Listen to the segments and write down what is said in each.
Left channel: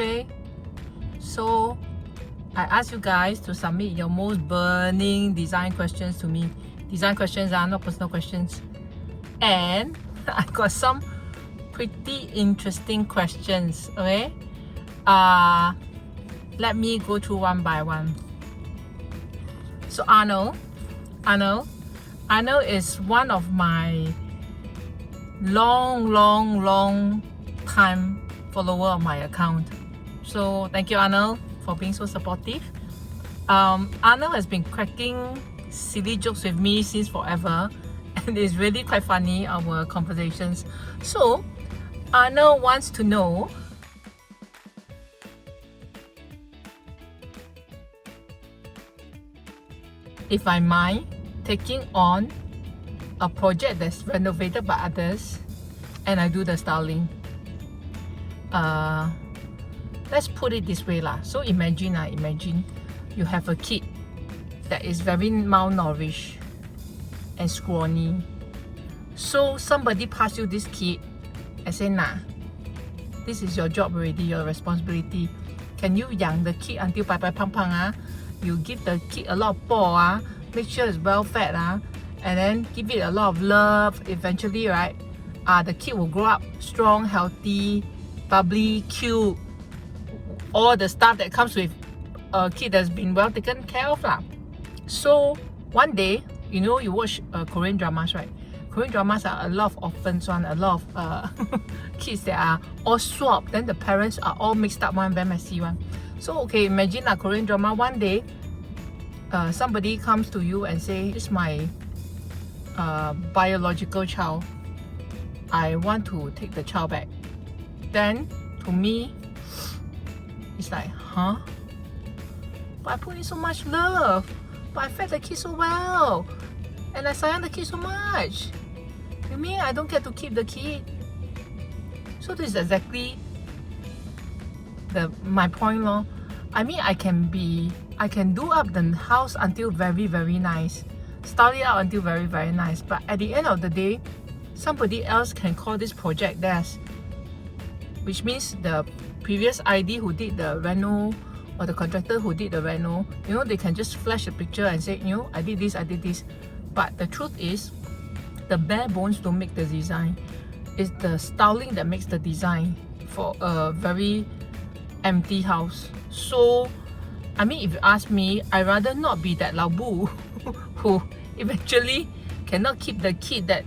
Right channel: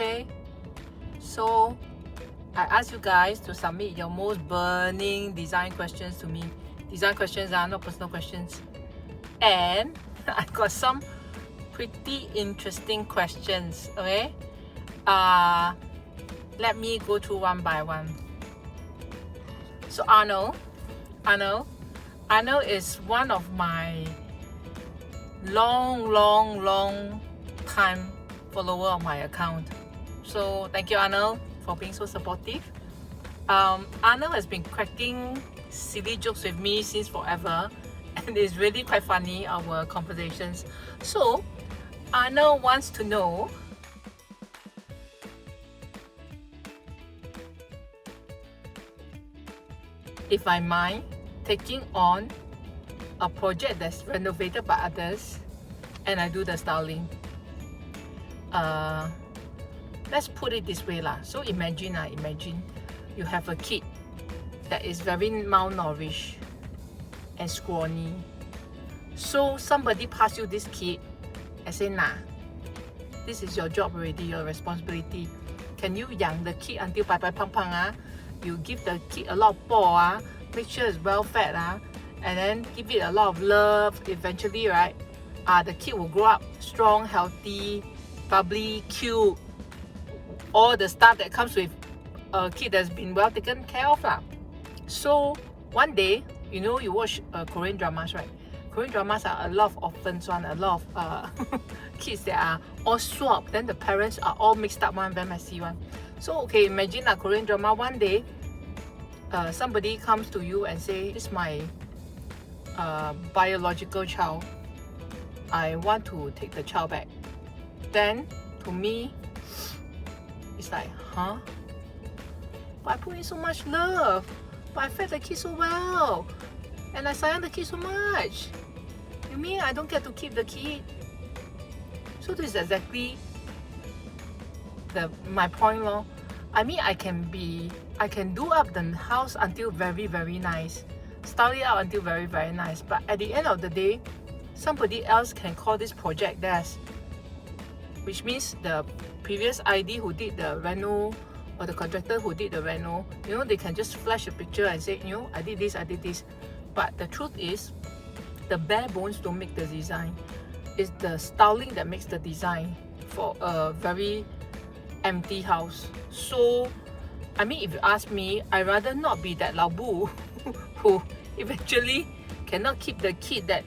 Okay, so I ask you guys to submit your most burning design questions to me. Design questions are not personal questions. And I got some pretty interesting questions. Okay, let me go through one by one. So Arnold is one of my long time follower of my account. So thank you, Arnold, for being so supportive. Arnold has been cracking silly jokes with me since forever, and it's really quite funny, our conversations. So Arnold wants to know if I mind taking on a project that's renovated by others and I do the styling. Let's put it this way lah. So imagine you have a kid that is very malnourished and scrawny. So somebody pass you this kid and say, nah, this is your job already, your responsibility. Can you yang the kid until pang? You give the kid a lot of paw, make sure it's well fed, and then give it a lot of love. Eventually, right, the kid will grow up strong, healthy, bubbly, cute, all the stuff that comes with a kid that's been well taken care of lah. So one day, you know, you watch Korean dramas, right? Korean dramas are a lot of orphans one, a lot of kids that are all swapped, then the parents are all mixed up one, very messy one. So okay, imagine a Korean drama. One day somebody comes to you and say, this is my biological child, I want to take the child back. Then to me it's like, huh? But I put in so much love, but I fed the kid so well, and I sayang the kid so much. You mean I don't get to keep the kid? So this is exactly my point lor. I mean, I can do up the house until very nice, style it out until very nice, but at the end of the day, somebody else can call this project theirs, which means the previous ID who did the reno, or the contractor who did the reno, you know, they can just flash a picture and say, you know, I did this. But the truth is, the bare bones don't make the design. It's the styling that makes the design for a very empty house. So I mean, if you ask me, I'd rather not be that Lao-bu who eventually cannot keep the kid that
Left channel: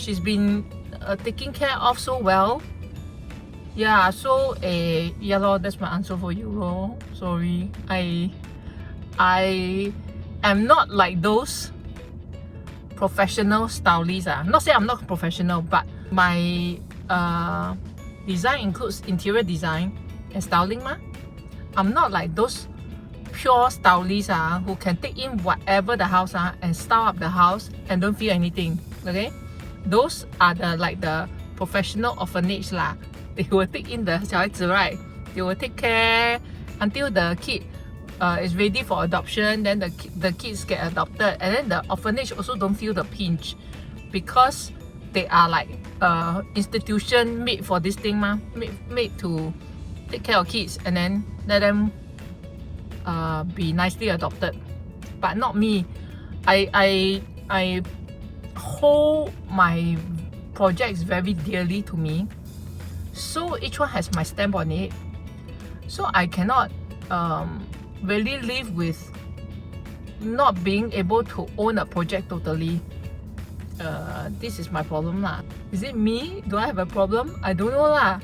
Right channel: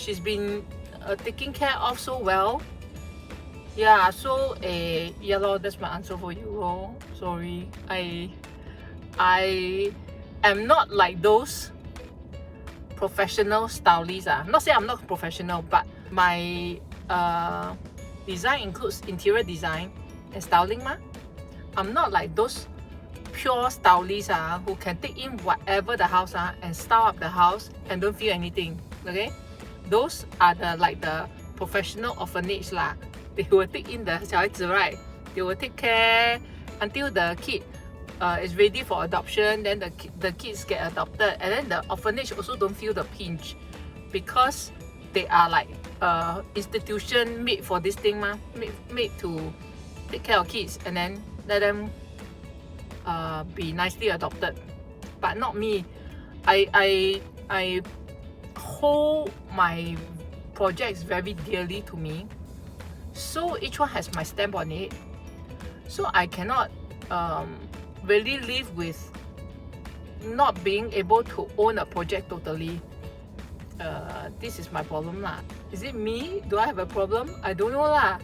she's been taking care of so well. Yeah, so yeah lor, that's my answer for you lor. Sorry, I am not like those professional stylists. Not say I'm not professional, but my design includes interior design and styling ma. I'm not like those pure stylists who can take in whatever the house and style up the house and don't feel anything. Okay, those are the professional orphanage lah. They will take in the 小孩子, right? They will take care until the kid is ready for adoption. Then the kids get adopted, and then the orphanage also don't feel the pinch because they are like institution made for this thing ma, made to take care of kids and then let them be nicely adopted. But not me. I hold my projects very dearly to me, so each one has my stamp on it. So I cannot really live with not being able to own a project totally. This is my problem lah. Is it me? Do I have a problem? I don't know lah.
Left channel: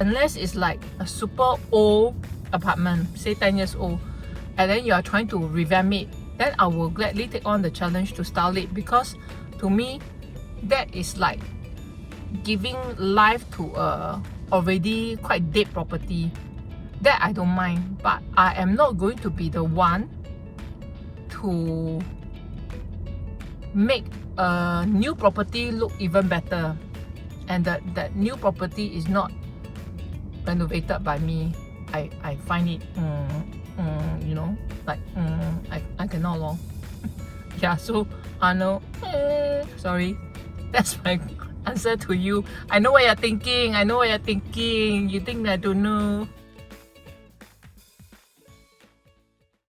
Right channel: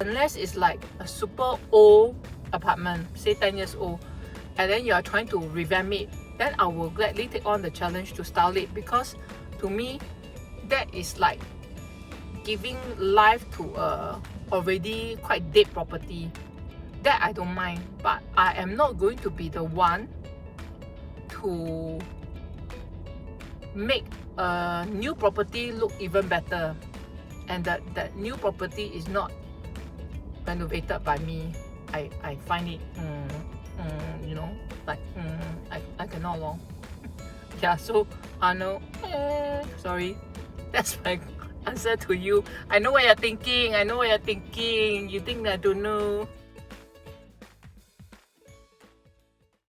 Unless it's like a super old apartment, say 10 years old, and then you are trying to revamp it, then I will gladly take on the challenge to style it, because to me that is like giving life to a already quite dead property. That I don't mind, but I am not going to be the one to make a new property look even better, and that new property is not renovated by me. I find it you know, like I cannot lor. Yeah, so I know, sorry, that's my answer to you. I know what you're thinking. I know what you're thinking. You think that I don't know.